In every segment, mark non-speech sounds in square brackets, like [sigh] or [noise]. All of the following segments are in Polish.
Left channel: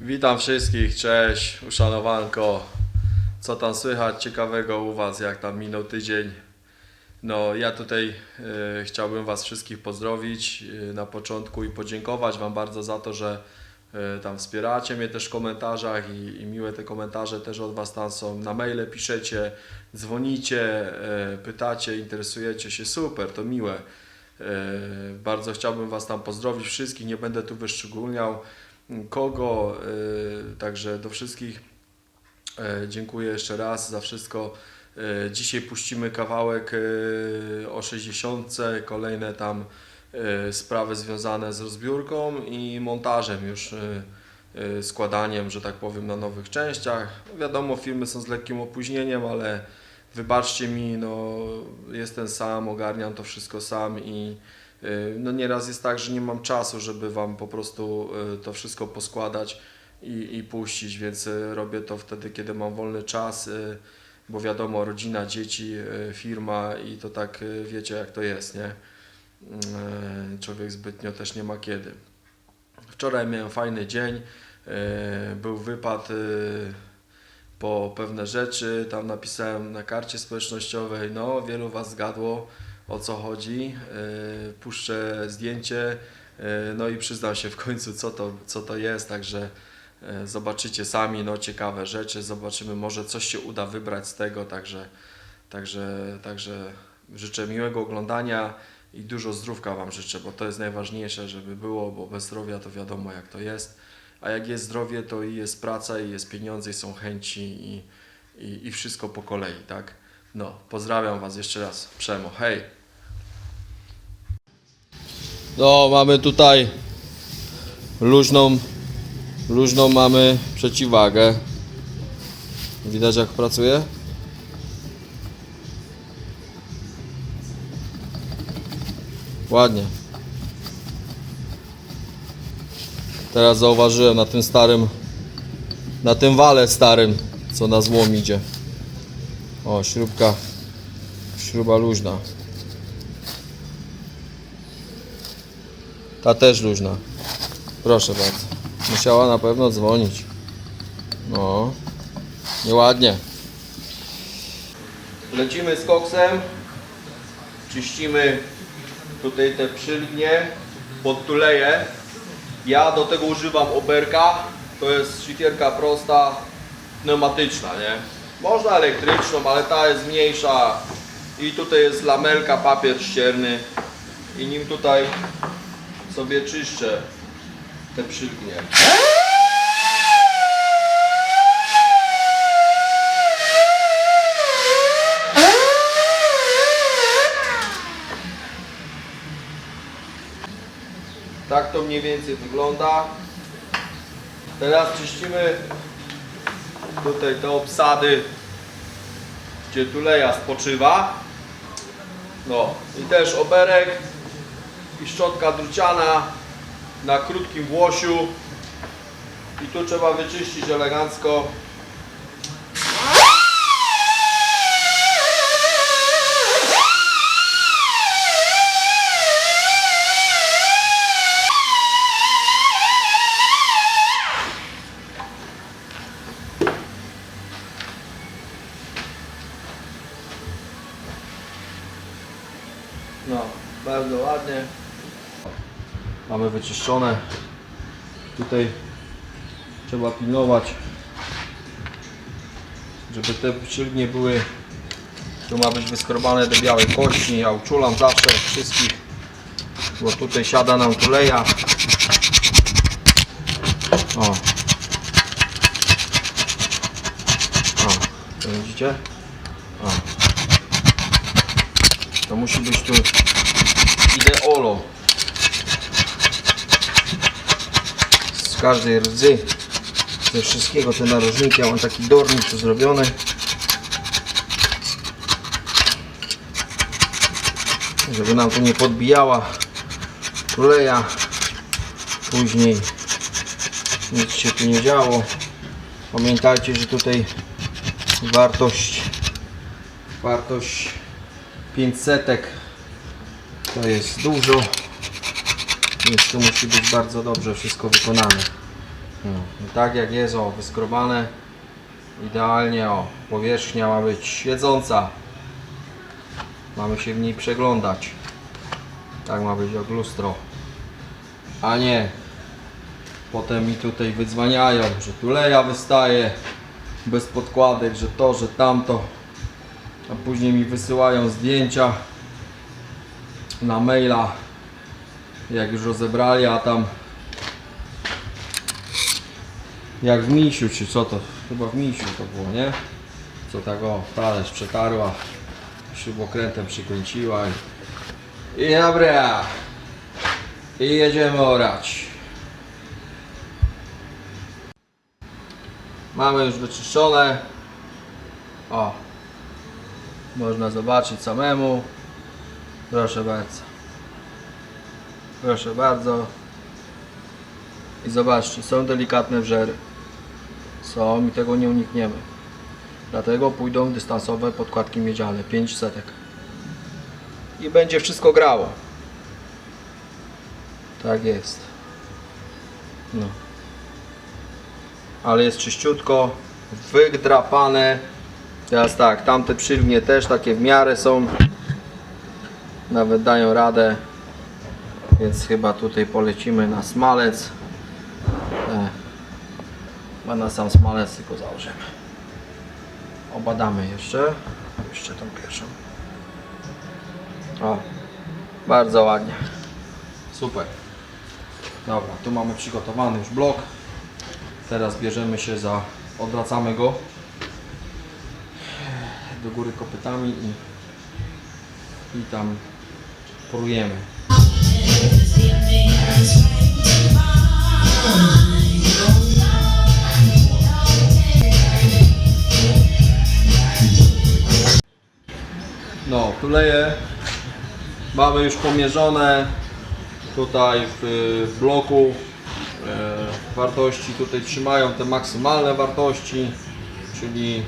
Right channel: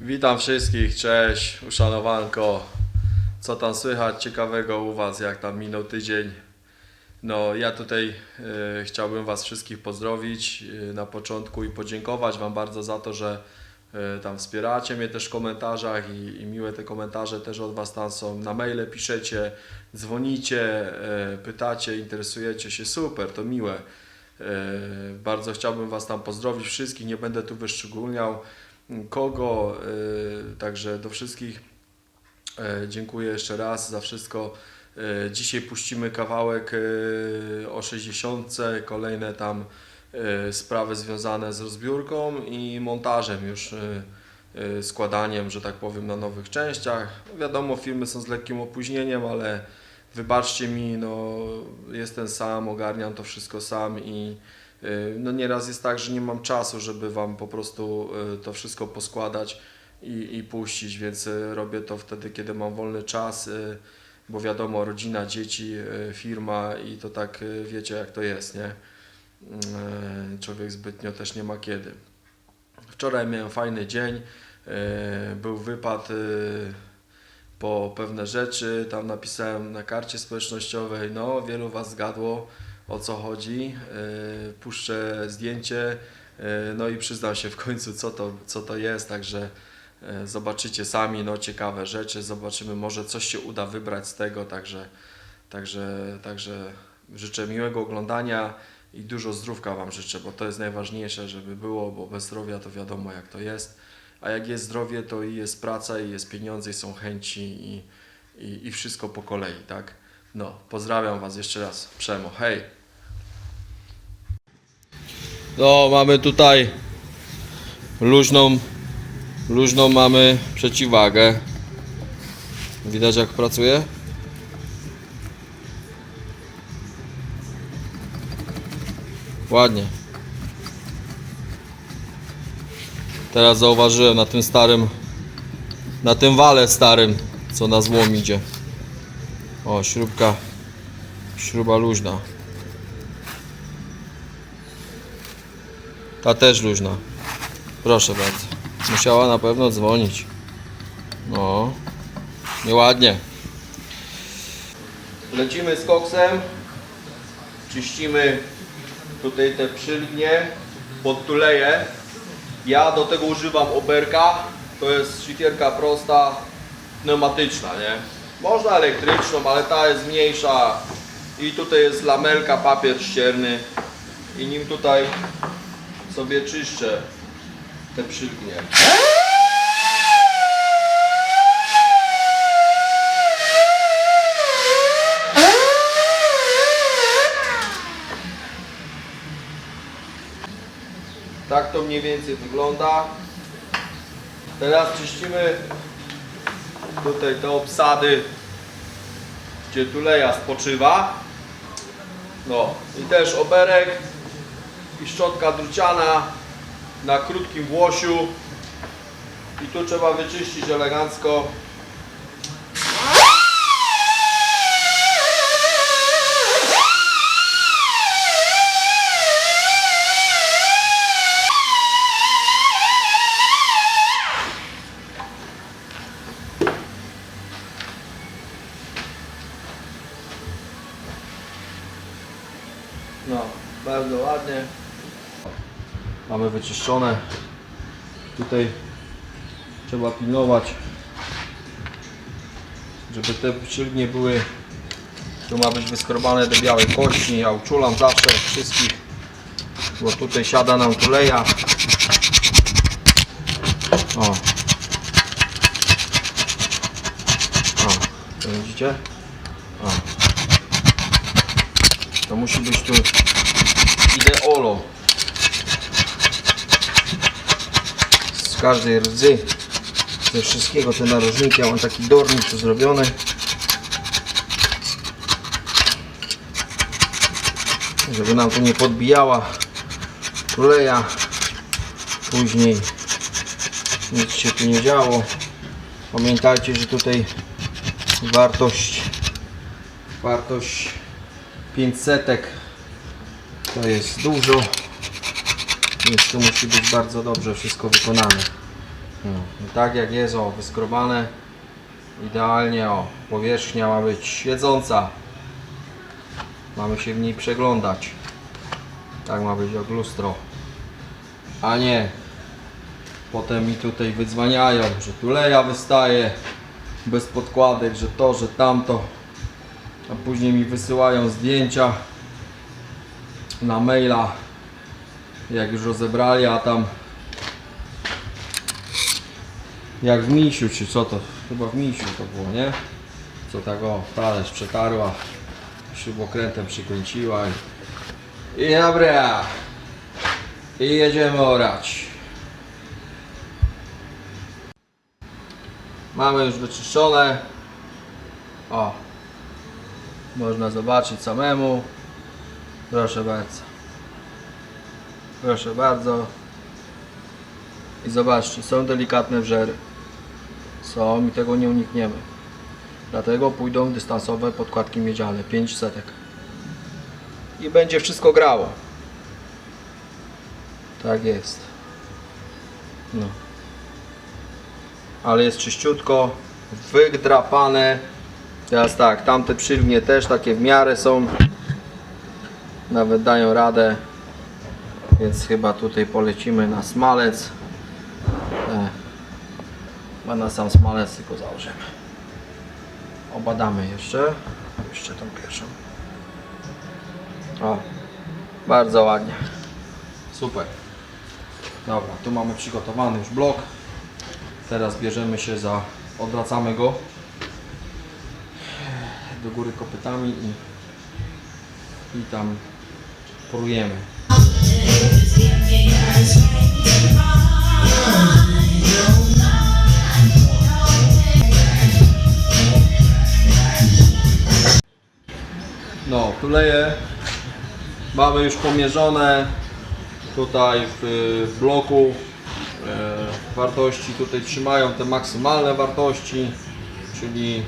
Witam wszystkich, cześć, uszanowanko. Co tam słychać ciekawego u Was, jak tam minął tydzień? No, ja tutaj e, chciałbym Was wszystkich pozdrowić e, na początku i podziękować Wam bardzo za to, że e, tam wspieracie mnie też w komentarzach i, i miłe te komentarze też od Was tam są. Na maile piszecie, dzwonicie, pytacie, interesujecie się, super, to miłe. Bardzo chciałbym Was tam pozdrowić wszystkich, nie będę tu wyszczególniał kogo, e, także do wszystkich e, dziękuję jeszcze raz za wszystko. E, Dzisiaj puścimy kawałek e, o 60, kolejne tam sprawy związane z rozbiórką i montażem już składaniem, że tak powiem, na nowych częściach. Wiadomo, filmy są z lekkim opóźnieniem, ale wybaczcie mi, no jestem sam, ogarniam to wszystko sam i y, no nieraz jest tak, że nie mam czasu, żeby Wam po prostu y, to wszystko poskładać i, i puścić, więc y, robię to wtedy, kiedy mam wolny czas, y, bo wiadomo, rodzina, dzieci, y, firma i to tak y, wiecie jak to jest, nie? Y, Człowiek zbytnio też nie ma kiedy. Wczoraj miałem fajny dzień, y, był wypad y, po pewne rzeczy, tam napisałem na karcie społecznościowej, no wielu Was zgadło o co chodzi, yy, puszczę zdjęcie, yy, no i przyznam się w końcu co to, co to jest, także yy, zobaczycie sami, no ciekawe rzeczy, zobaczymy może coś się uda wybrać z tego, także, także, także życzę miłego oglądania i dużo zdrówka Wam życzę, bo to jest najważniejsze, żeby było, bo bez zdrowia to wiadomo jak to jest. A jak jest zdrowie, to i jest praca, i jest pieniądze, i są chęci, i, i, i wszystko po kolei, tak? No, pozdrawiam Was jeszcze raz. Przemo, hej! No, mamy tutaj luźną, luźną mamy przeciwwagę. Widać jak pracuje? Ładnie. Teraz zauważyłem na tym starym, na tym wale starym, co na złom idzie. O, śrubka, śruba luźna. Ta też luźna. Proszę bardzo. Musiała na pewno dzwonić. No, nieładnie. Lecimy z koksem. Czyścimy tutaj te przylgnie pod tuleję. Ja do tego używam oberka. To jest szlifierka prosta, pneumatyczna, nie? Można elektryczną, ale ta jest mniejsza. I tutaj jest lamelka, papier ścierny. I nim tutaj sobie czyszczę te przylgnie. Tak to mniej więcej wygląda. Teraz czyścimy tutaj te obsady, gdzie tuleja spoczywa. No i też oberek i szczotka druciana na krótkim włosiu. I tu trzeba wyczyścić elegancko. Wyczyszczone. Tutaj trzeba pilnować, żeby te przylgnie były. Tu ma być wyskrobane do białej kości. Ja uczulam zawsze wszystkich, bo tutaj siada nam tuleja. O. O, to widzicie? O. To musi być tu ideolo. Każdej rdzy, ze wszystkiego te narożniki. Ja mam taki dornik tu zrobiony. Żeby nam tu nie podbijała tuleja. Później nic się tu nie działo. Pamiętajcie, że tutaj wartość wartość 500 to jest dużo więc tu musi być bardzo dobrze wszystko wykonane No, tak jak jest, o, wyskrobane. Idealnie, o, powierzchnia ma być siedząca. Mamy się w niej przeglądać. Tak ma być jak lustro. A nie. Potem mi tutaj wydzwaniają, że tu leja wystaje bez podkładek, że to, że tamto. A później mi wysyłają zdjęcia na maila, jak już rozebrali, a tam jak w misiu, czy co to? Chyba w misiu to było, nie? Co tak o, talerz przetarła, śrubokrętem przykręciła i, i dobra. I jedziemy orać. Mamy już wyczyszczone. O. Można zobaczyć samemu. Proszę bardzo. Proszę bardzo. I zobaczcie, są delikatne wrzery. Są i tego nie unikniemy. Dlatego pójdą dystansowe podkładki miedziane, 5 setek. I będzie wszystko grało. Tak jest. No. Ale jest czyściutko, wydrapane. Teraz tak, tamte przylgnie też takie w miarę są. Nawet dają radę. Więc chyba tutaj polecimy na smalec. E, Chyba na sam smalec tylko założymy. Obadamy jeszcze. Jeszcze tą pierwszą. O, bardzo ładnie. Super. Dobra, tu mamy przygotowany już blok. Teraz bierzemy się za, odwracamy go do góry kopytami i, i tam porujemy. No, tuleje mamy już pomierzone tutaj w, bloku. E, wartości tutaj trzymają te maksymalne wartości, czyli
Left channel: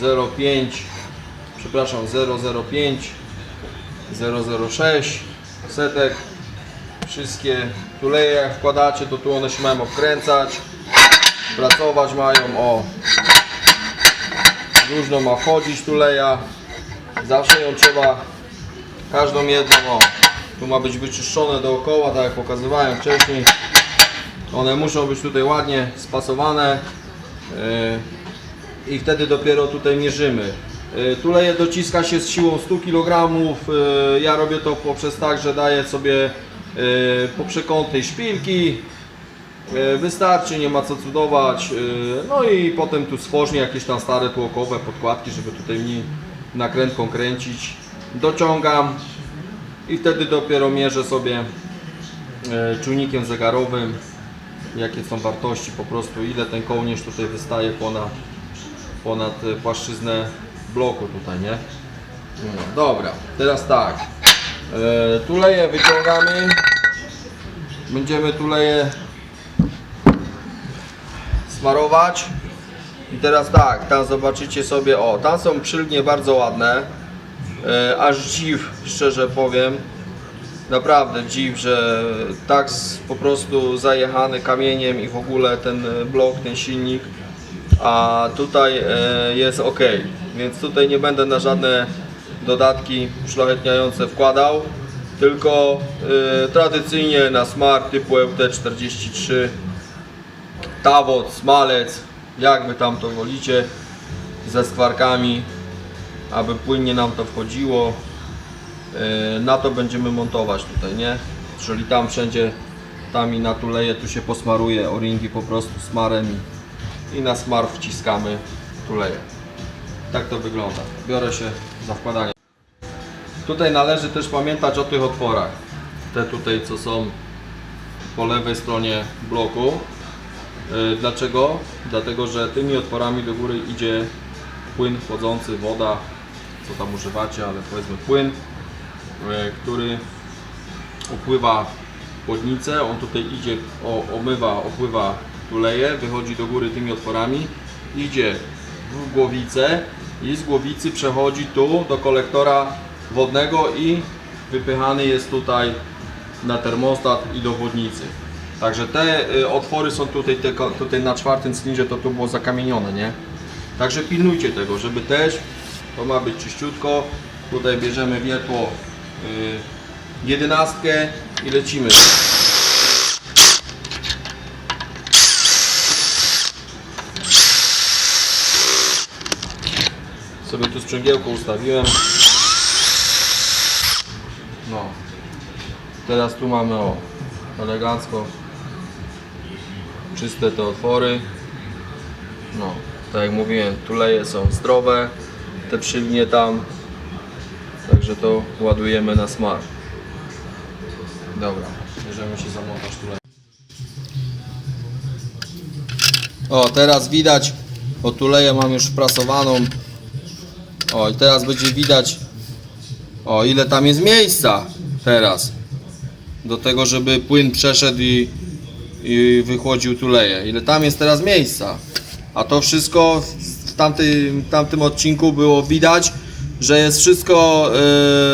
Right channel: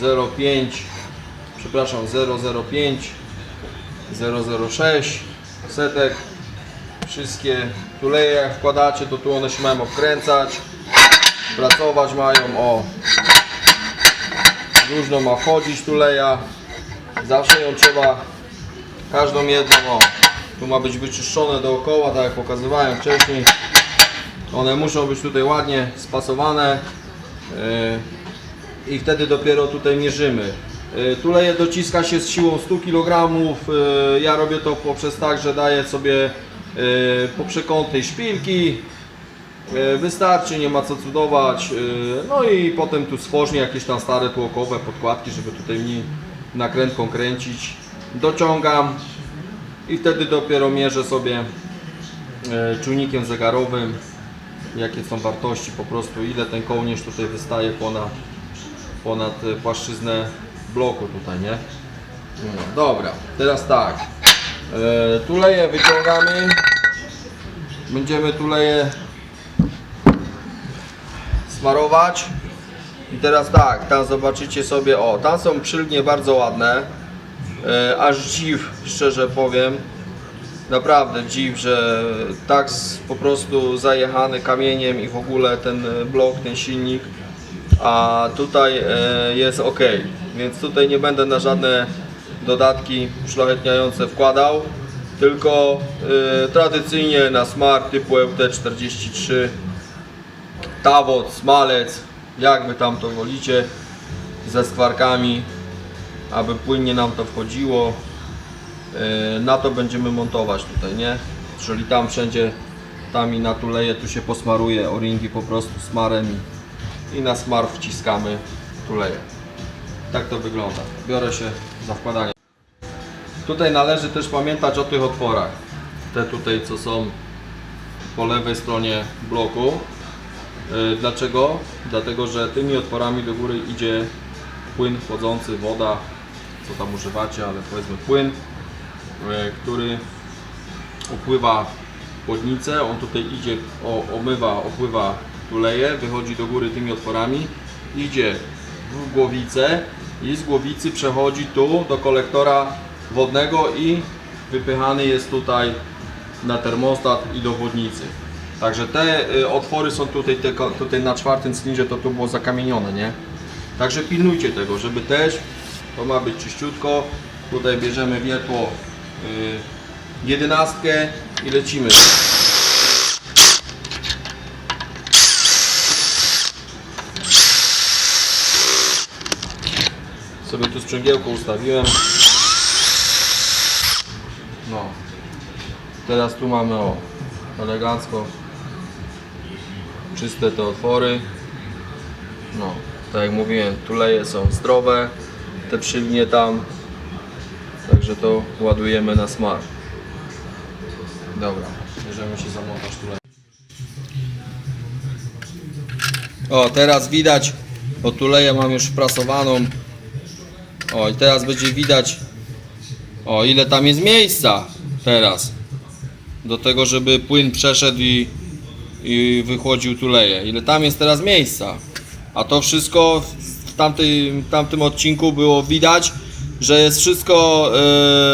0,5, przepraszam, 0,05, 0,06 setek. Wszystkie tuleje jak wkładacie, to tu one się mają obkręcać, pracować mają, o, różno ma wchodzić tuleja, zawsze ją trzeba, każdą jedną, o, tu ma być wyczyszczone dookoła, tak jak pokazywałem wcześniej. One muszą być tutaj ładnie spasowane yy, i wtedy dopiero tutaj mierzymy. Yy, Tuleje dociska się z siłą 100 kg. Yy, Ja robię to poprzez tak, że daję sobie po przekątnej szpilki. Yy, Wystarczy, nie ma co cudować. Yy, No i potem tu stworznie jakieś tam stare tłokowe podkładki, żeby tutaj mi nakrętką kręcić. Dociągam i wtedy dopiero mierzę sobie e, czujnikiem zegarowym jakie są wartości po prostu ile ten kołnierz tutaj wystaje ponad, ponad e, płaszczyznę bloku tutaj, nie? No, dobra, teraz tak e, tuleje wyciągamy będziemy tuleje smarować. I teraz tak, tam zobaczycie sobie, o, tam są przylgnie bardzo ładne. E, aż dziw, szczerze powiem. Naprawdę dziw, że tak po prostu zajechany kamieniem i w ogóle ten blok, ten silnik, a tutaj e, jest ok, więc tutaj nie będę na żadne dodatki uszlachetniające wkładał, tylko e, tradycyjnie na smart typu EUT43 tawot, smalec, jak wy tam to wolicie, ze skwarkami, aby płynnie nam to wchodziło. Yy, na to będziemy montować tutaj, nie? Czyli tam wszędzie, tam i na tuleje, tu się posmaruje o-ringi po prostu smarem i na smar wciskamy tuleje. Tak to wygląda. Biorę się za wkładanie. Tutaj należy też pamiętać o tych otworach. Te tutaj, co są po lewej stronie bloku. Yy, Dlaczego? Dlatego, że tymi otworami do góry idzie płyn wchodzący, woda, co tam używacie, ale powiedzmy płyn, e, który opływa chłodnicę, on tutaj idzie, omywa, opływa tuleje, wychodzi do góry tymi otworami, idzie w głowicę i z głowicy przechodzi tu do kolektora wodnego i wypychany jest tutaj na termostat i do wodnicy. Także te y, otwory są tutaj, tylko, tutaj na czwartym cylindrze to tu było zakamienione, nie? Także pilnujcie tego, żeby też to ma być czyściutko. Tutaj bierzemy wiertło y, jedenastkę i lecimy. Sobie tu sprzęgiełko ustawiłem. Teraz tu mamy o elegancko czyste te otwory. No, tak jak mówiłem, tuleje są zdrowe, te przylnie tam. Także to ładujemy na smar. Dobra, bierzemy się za montaż tuleju. O, teraz widać, o tuleję mam już wprasowaną. O, i teraz będzie widać, o, ile tam jest miejsca teraz. Do tego, żeby płyn przeszedł i, i wychłodził tuleję. Ile tam jest teraz miejsca. A to wszystko w tamtym, tamtym odcinku było widać, że jest wszystko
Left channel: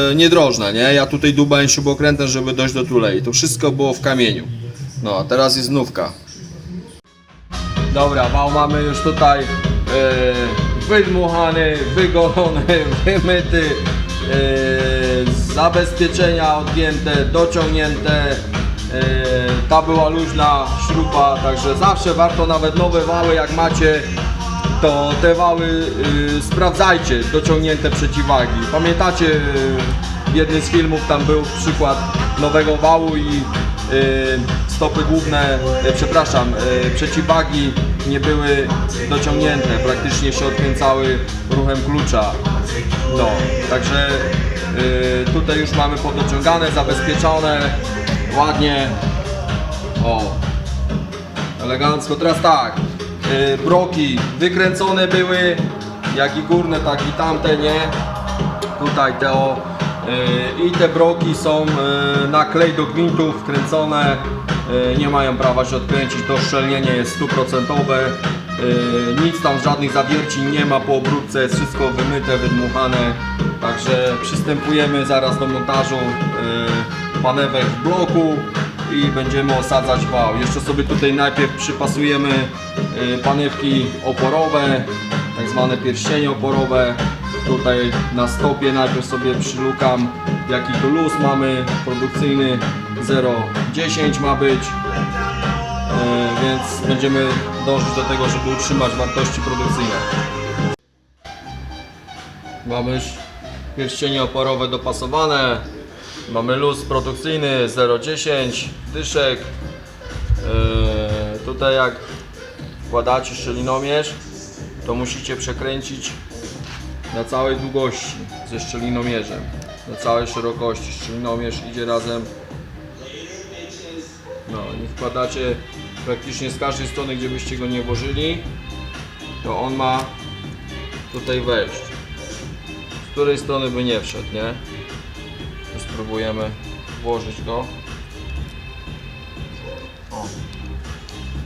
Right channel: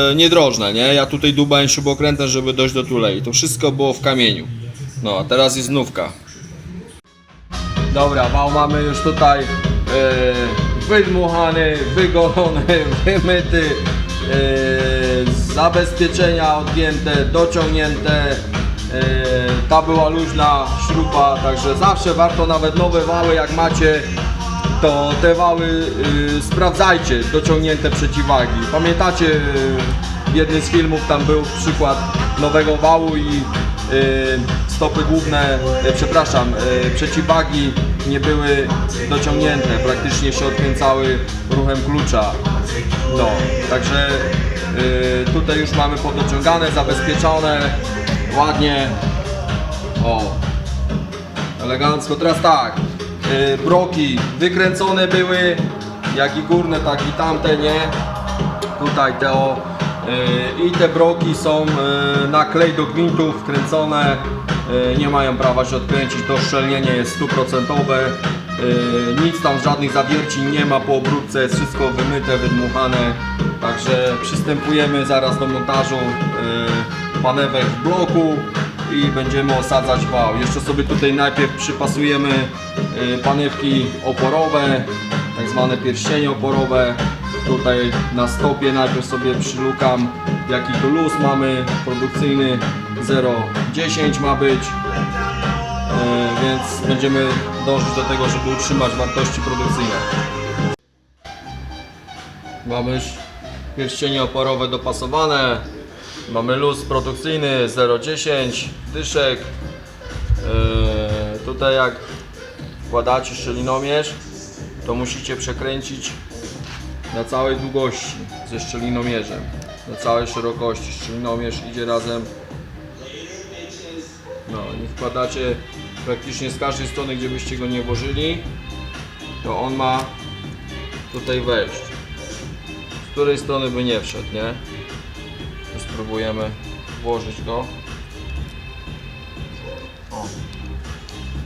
yy, niedrożne, nie? Ja tutaj dubałem śrubokrętem, żeby dojść do tulei. To wszystko było w kamieniu. No, a teraz jest znówka. Dobra, wał mamy już tutaj e, wydmuchany, wygolony, [laughs] wymyty, e, zabezpieczenia odgięte, dociągnięte. E, ta była luźna śruba, także zawsze warto nawet nowe wały jak macie, to te wały y, sprawdzajcie, dociągnięte przeciwwagi. Pamiętacie, y, w jednym z filmów tam był przykład nowego wału i y, stopy główne, y, przepraszam, y, przeciwwagi nie były dociągnięte, praktycznie się odkręcały ruchem klucza. No, także y, tutaj już mamy podociągane, zabezpieczone, ładnie. O, elegancko. Teraz tak, y, broki wykręcone były, jak i górne, tak i tamte, nie? Tutaj te o, y, i te broki są y, na klej do gwintów wkręcone, y, nie mają prawa się odkręcić, to szczelnienie jest stuprocentowe. y, Nic tam, żadnych zawierci nie ma po obróbce, jest wszystko wymyte, wydmuchane. Także przystępujemy zaraz do montażu y, panewek w bloku i będziemy osadzać wał. Jeszcze sobie tutaj najpierw przypasujemy y, panewki oporowe, tak zwane pierścienie oporowe. Tutaj na stopie najpierw sobie przylukam jaki tu luz mamy, produkcyjny 0,10 ma być. E, więc będziemy dążyć do tego, żeby utrzymać wartości produkcyjne. Mamy pierścienie oporowe dopasowane. Mamy luz produkcyjny 0,10 dyszek. Eee, tutaj jak wkładacie szczelinomierz, to musicie przekręcić na całej długości ze szczelinomierzem. Na całej szerokości. Szczelinomierz idzie razem. No i wkładacie praktycznie z każdej strony, gdzie byście go nie włożyli, to on ma tutaj wejść. Której strony by nie wszedł, nie? Spróbujemy włożyć go. O,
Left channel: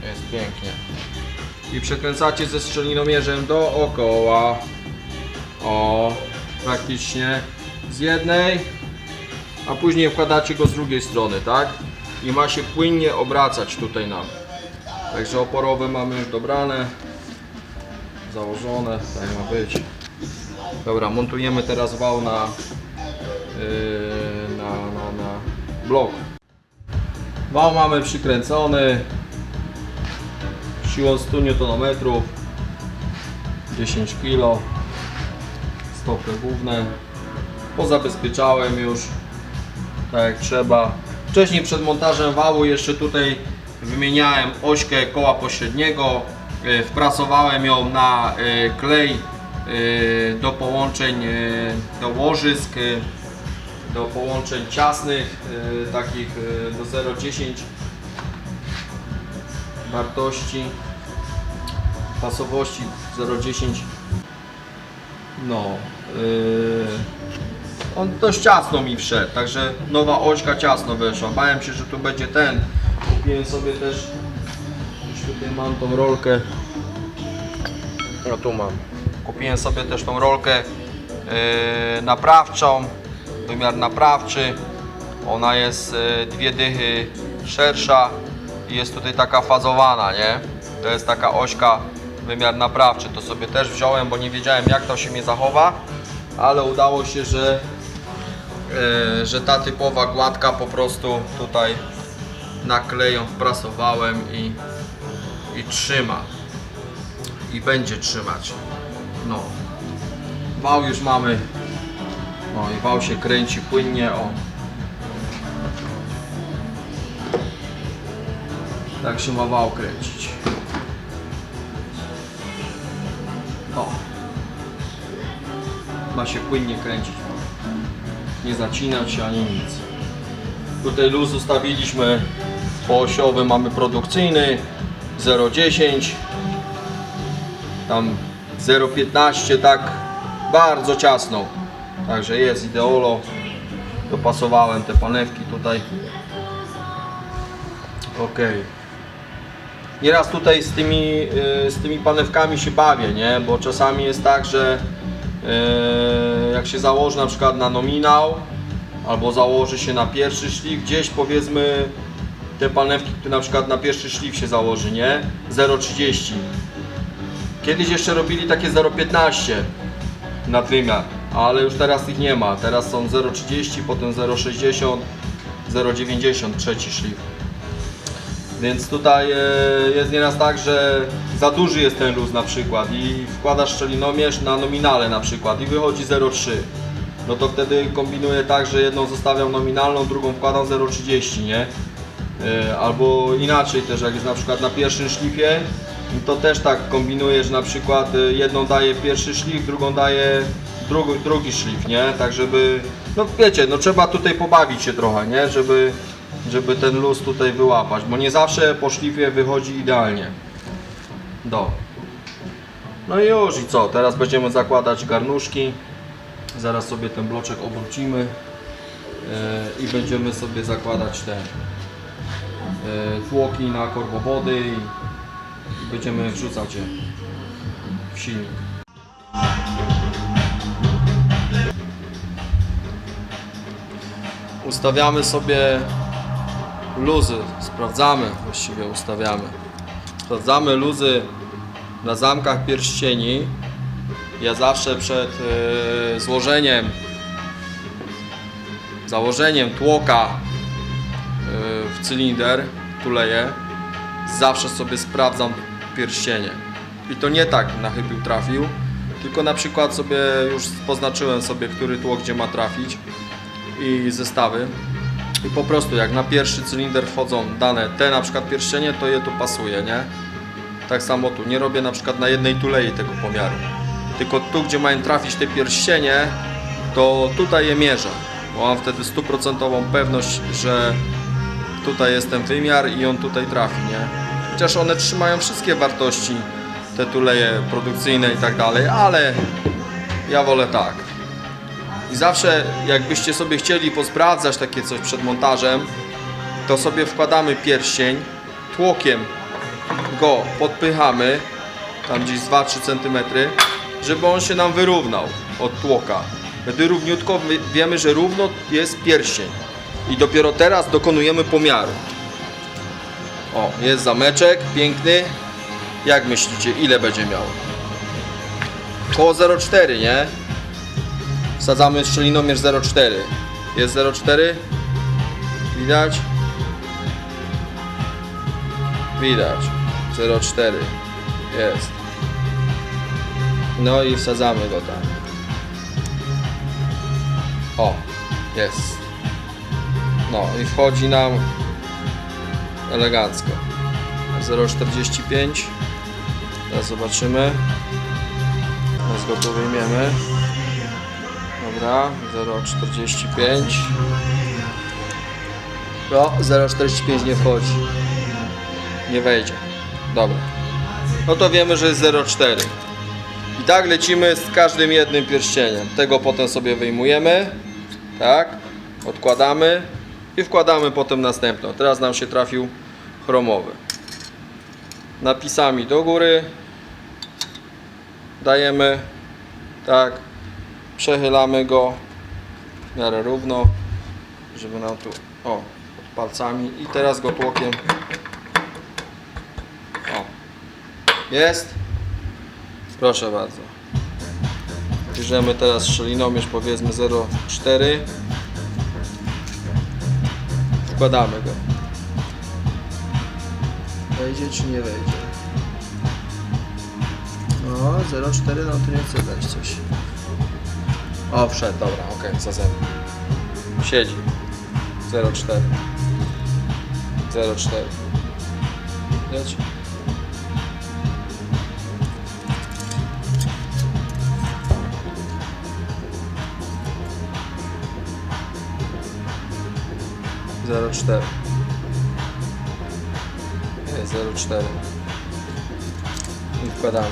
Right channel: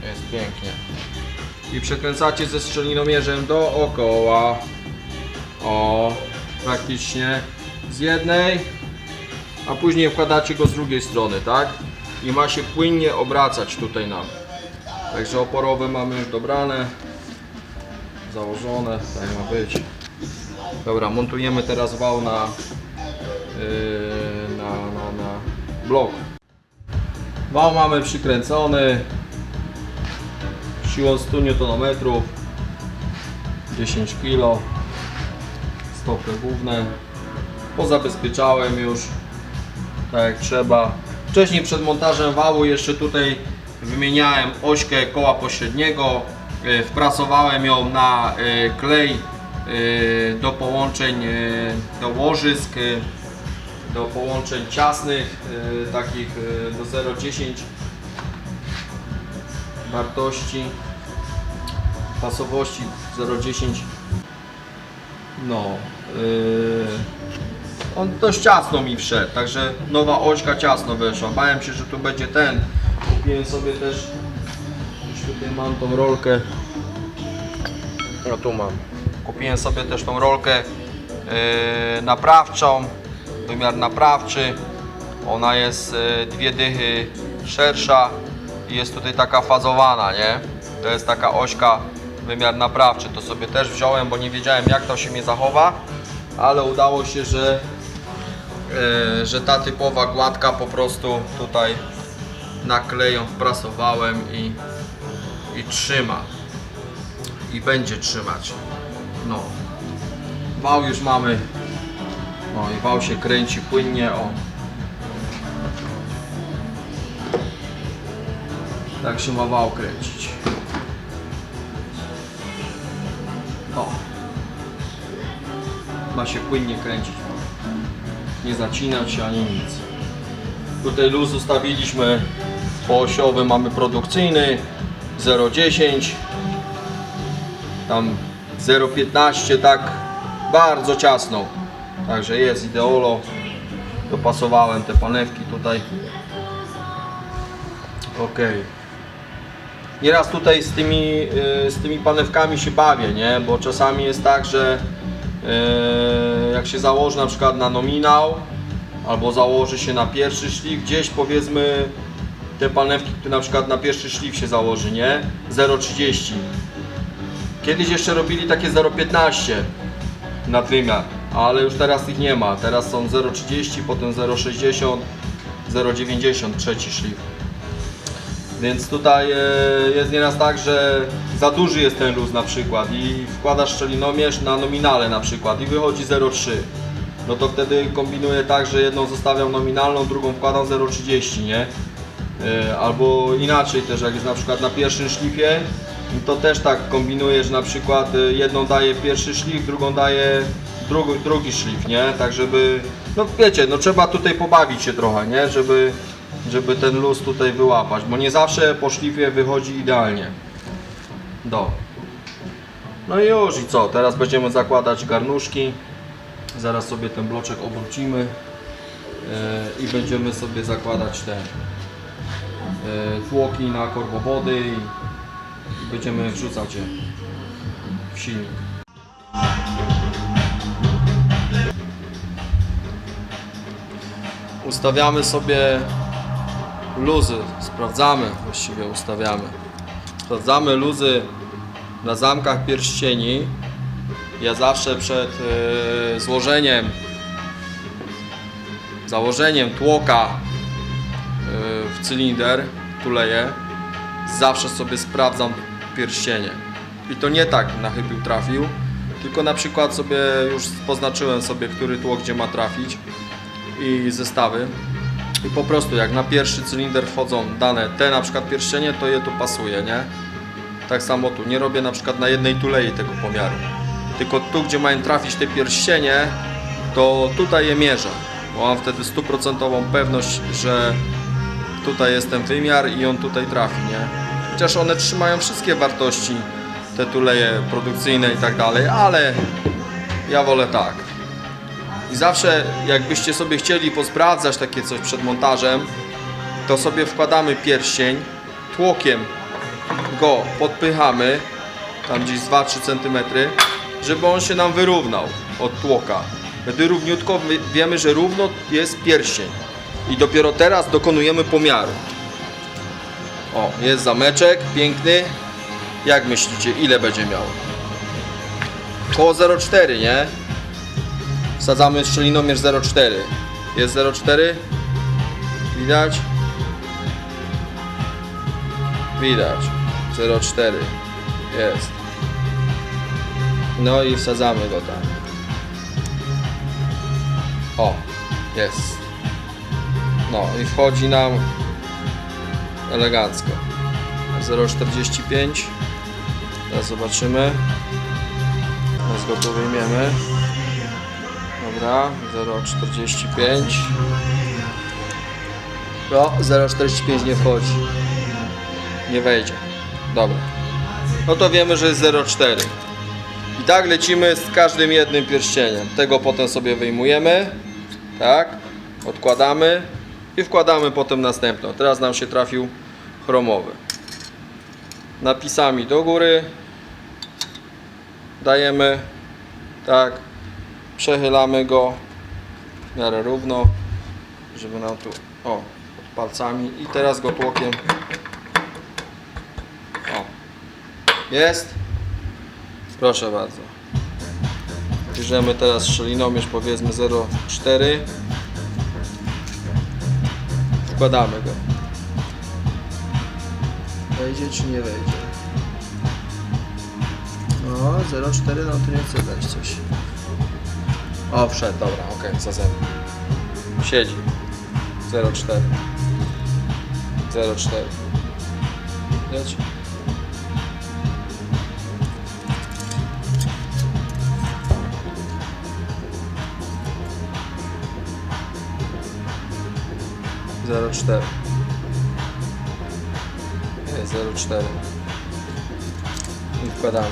jest pięknie. I przekręcacie ze szczelinomierzem dookoła. O, praktycznie z jednej, a później wkładacie go z drugiej strony, tak? I ma się płynnie obracać tutaj nam. Także oporowe mamy już dobrane, założone, tak ma być. Dobra, montujemy teraz wał na, yy, na, na, na blok. Wał mamy przykręcony. Siłą 100 Nm 10 kg stopy główne. Pozabezpieczałem już tak jak trzeba. Wcześniej przed montażem wału jeszcze tutaj wymieniałem ośkę koła pośredniego. E, wprasowałem ją na e, klej do połączeń e, do łożysk e, do połączeń ciasnych takich do 0,10 wartości pasowości 0,10 no on dość ciasno mi wszedł także nowa ośka ciasno weszła. Bałem się, że tu będzie ten. Kupiłem sobie też już tutaj mam tą rolkę. No tu mam kupiłem sobie też tą rolkę yy, naprawczą wymiar naprawczy ona jest yy, dwie dychy szersza i jest tutaj taka fazowana, nie? To jest taka ośka wymiar naprawczy. To sobie też wziąłem, bo nie wiedziałem jak to się mnie zachowa, ale udało się, że, e, że ta typowa gładka po prostu tutaj nakleją wprasowałem i, i trzyma. I będzie trzymać. No. Wał już mamy. No i wał się kręci płynnie, o. Tak się ma wał kręcić. O. Ma się płynnie kręcić. Nie zacinać się ani nic. Tutaj luz ustawiliśmy poosiowy, mamy produkcyjny 0,10 tam 0,15 tak bardzo ciasno. Także jest ideolo. Dopasowałem te panewki tutaj. Ok nieraz tutaj z tymi, y, z tymi panewkami się bawię nie? Bo czasami jest tak, że y, jak się założy na przykład na nominał albo założy się na pierwszy szlif gdzieś powiedzmy te panewki, które na przykład na pierwszy szlif się założy, nie? 0,30 Kiedyś jeszcze robili takie 0,15 na wymiar, ale już teraz ich nie ma. Teraz są 0,30, potem 0,60, 0,90 trzeci szlif. Więc tutaj e, jest nieraz tak, że za duży jest ten luz na przykład i wkładasz szczelinomierz na nominale na przykład i wychodzi 0,3. No to wtedy kombinuję tak, że jedną zostawiam nominalną, drugą wkładam 0,30, nie? E, Albo inaczej też, jak jest na przykład na pierwszym szlifie, to też tak kombinuję, że na przykład e, jedną daję pierwszy szlif, drugą daję drugi, drugi szlif, nie? Tak żeby, no wiecie, no trzeba tutaj pobawić się trochę, nie? Żeby, żeby ten luz tutaj wyłapać, bo nie zawsze po szlifie wychodzi idealnie. Do. No i już i co? Teraz będziemy zakładać garnuszki. Zaraz sobie ten bloczek obrócimy e, i będziemy sobie zakładać te tłoki na korbowody i będziemy wrzucać je w silnik. Ustawiamy sobie luzy, sprawdzamy, właściwie ustawiamy. Sprawdzamy luzy na zamkach pierścieni. Ja zawsze przed e, złożeniem, założeniem tłoka cylinder, tuleję, zawsze sobie sprawdzam pierścienie. I to nie tak na chybił trafił, tylko na przykład sobie już poznaczyłem sobie, który tłok gdzie ma trafić i zestawy. I po prostu jak na pierwszy cylinder wchodzą dane te na przykład pierścienie, to je tu pasuje, nie? Tak samo tu. Nie robię na przykład na jednej tulei tego pomiaru. Tylko tu, gdzie mają trafić te pierścienie, to tutaj je mierzę. Bo mam wtedy stuprocentową pewność, że tutaj jest ten wymiar i on tutaj trafi, nie? Chociaż one trzymają wszystkie wartości, te tuleje produkcyjne i tak dalej, ale ja wolę tak. I zawsze jakbyście sobie chcieli posprawdzać takie coś przed montażem, to sobie wkładamy pierścień, tłokiem go podpychamy, tam gdzieś z 2-3 cm, żeby on się nam wyrównał od tłoka. Wtedy równiutko wiemy, że równo jest pierścień. I dopiero teraz dokonujemy pomiaru. O, jest zameczek, piękny. Jak myślicie, ile będzie miał? Koło 0,4, nie? Wsadzamy szczelinomierz 0,4. Jest 0,4? Widać? Widać. 0,4. Jest. No i wsadzamy go tam. O, jest. No i wchodzi nam elegancko. 0,45. Teraz zobaczymy. Teraz go tu wyjmiemy. Dobra, 0,45. No, 0,45 nie wchodzi. Nie wejdzie. Dobra. No to wiemy, że jest 0,4. I tak lecimy z każdym jednym pierścieniem. Tego potem sobie wyjmujemy. Tak. Odkładamy. I wkładamy potem następną. Teraz nam się trafił chromowy. Napisami do góry. Dajemy. Tak. Przechylamy go w miarę równo, żeby nam tu, o, pod palcami i teraz go tłokiem Jest? Proszę bardzo. Bierzemy teraz szczelinomierz powiedzmy 0,4 Wkładamy go. Wejdzie czy nie wejdzie? No, 0,4, no to nie chce dać coś. O, wszedł, dobra, okej, okay, za zero. Siedzi. 0,4. 0,4. Leci. 04 04 i wkładamy.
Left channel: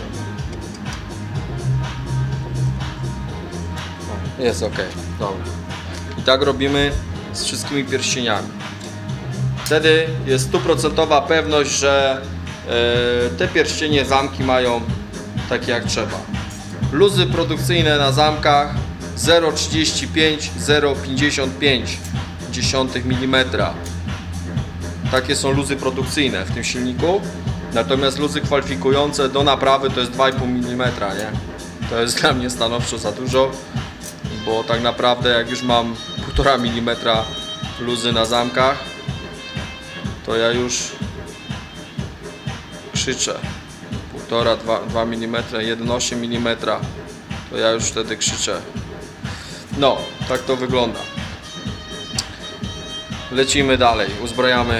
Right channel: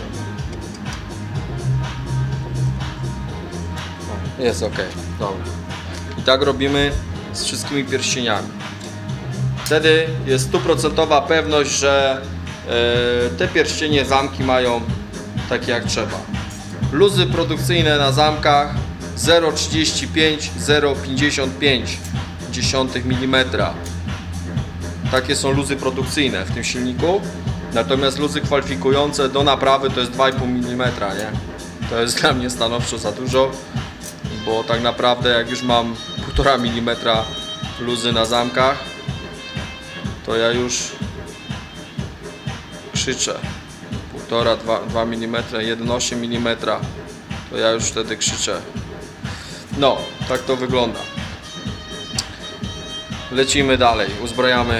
No, jest ok, dobra. I tak robimy z wszystkimi pierścieniami. Wtedy jest stuprocentowa pewność, że e, te pierścienie zamki mają takie jak trzeba. Luzy produkcyjne na zamkach 0,35, 0,55 dziesiątych mm. Takie są luzy produkcyjne w tym silniku. Natomiast luzy kwalifikujące do naprawy to jest 2,5 mm, nie? To jest dla mnie stanowczo za dużo, bo tak naprawdę jak już mam 1,5 mm luzy na zamkach, to ja już krzyczę. 1,5, 2, 2 mm, 1,8 mm, to ja już wtedy krzyczę. No, tak to wygląda. Lecimy dalej, uzbrajamy